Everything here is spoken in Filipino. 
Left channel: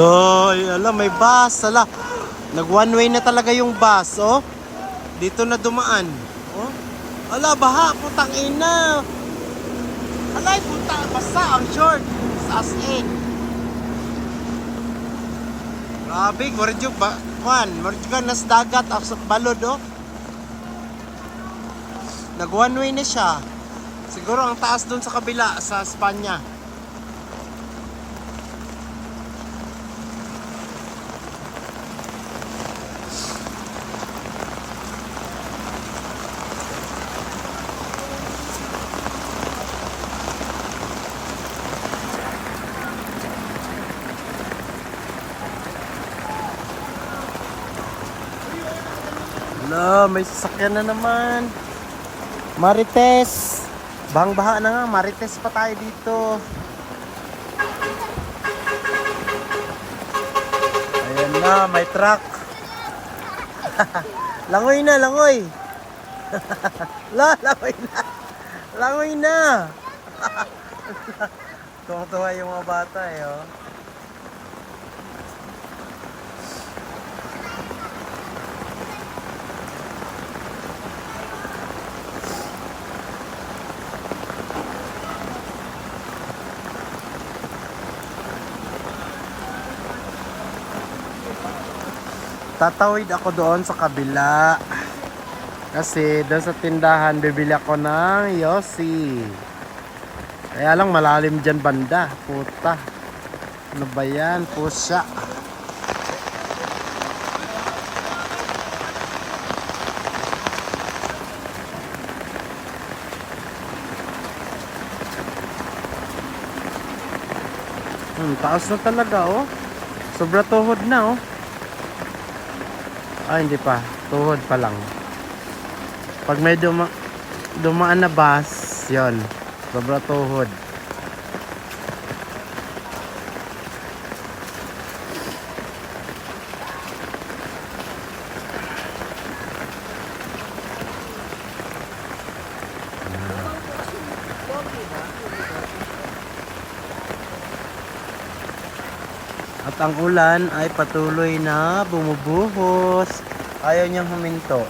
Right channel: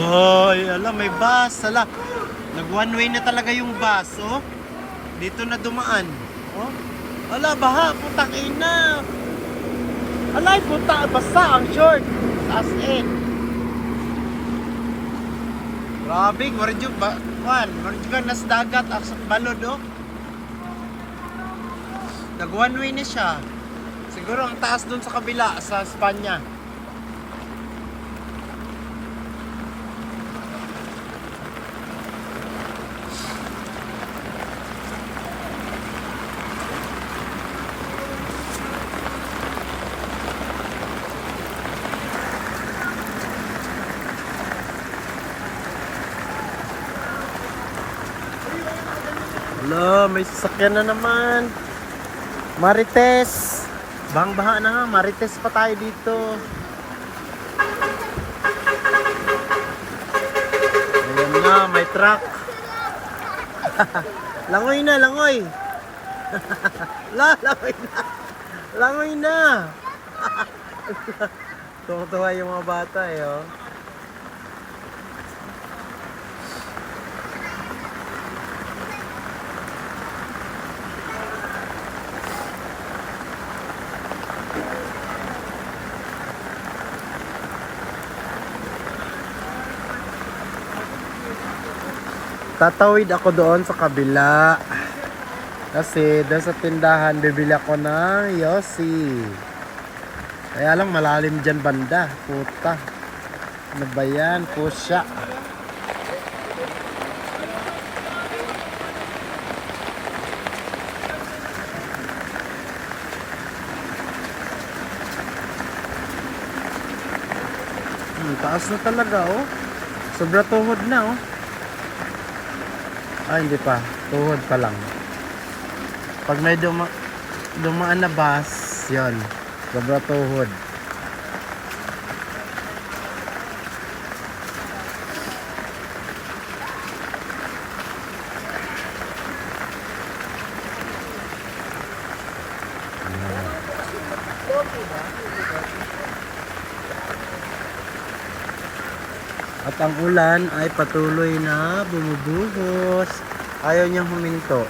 Loy, ala, may bus, ala. Nag one way na talaga yung bus, oh. Dito na dumaan. Oh. Ala, baha, putang ina. Alay, puta, basta ang short. As in. Grabe, morid yung morid ka nas dagat, asok balod, oh. Nag one way na siya. Siguro ang taas dun sa kabila, sa Espanya. Wala, may sasakyan na naman. Marites. Bang-baha na nga, Marites pa tayo dito. Ayan na, may truck. Langoy na, langoy. Langoy na. Langoy na. Tuwa-tuwa yung mga bata eh, oh. Tatawid ako doon sa kabila. Kasi doon sa tindahan bibili ako ng Yossi. Kaya lang malalim dyan banda. Puta. Ano ba yan? Pusya. Taas na talaga, oh. Sobra tuhod na, oh. Ay, hindi pa. Tuhod pa lang. Pag may dumaan na bus, yon, sobra tuhod. At ang ulan ay patuloy na bumubuhos. Ayaw niyang huminto.